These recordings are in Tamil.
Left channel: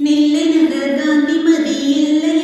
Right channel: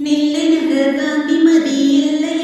നെല്ലിനകതാന്തി മതിയില്ലയോ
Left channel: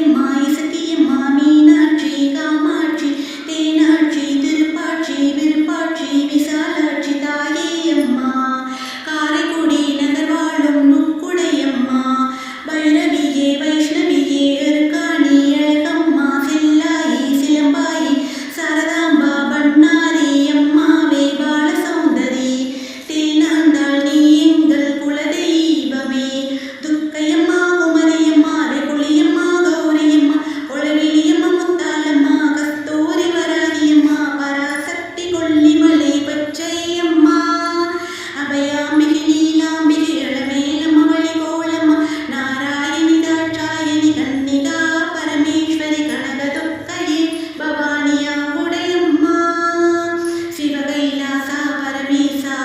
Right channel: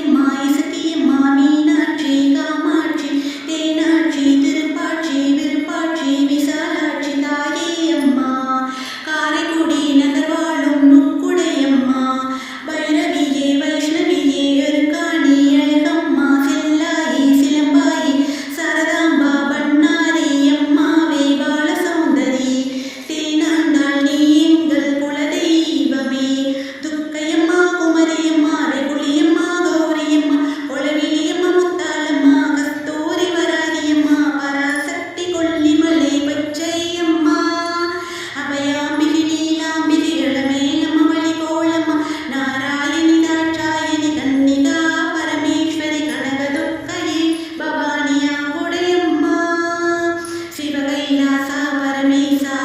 கைலாசா பரமேசா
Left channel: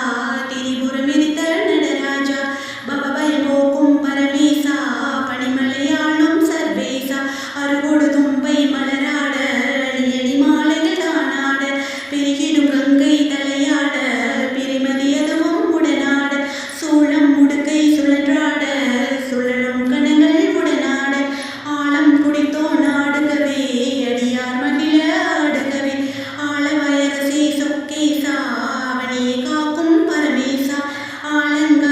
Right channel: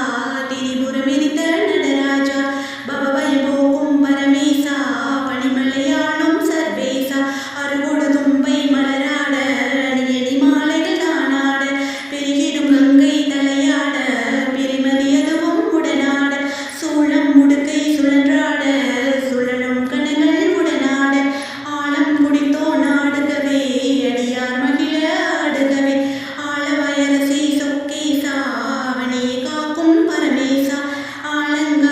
திரிபுரமெரித்த நடராஜா பவபயம் போக்கும் பரமேசா பனிமலையாளும் சர்வேசா அருகோடு தும்பை மலராட அணியணி மாலைகள் தானாட பெருகிடும் கங்கை தலையாட பிரிமதி அதுவும் உடனாட சூளம் முடுக்கை காலங்கள்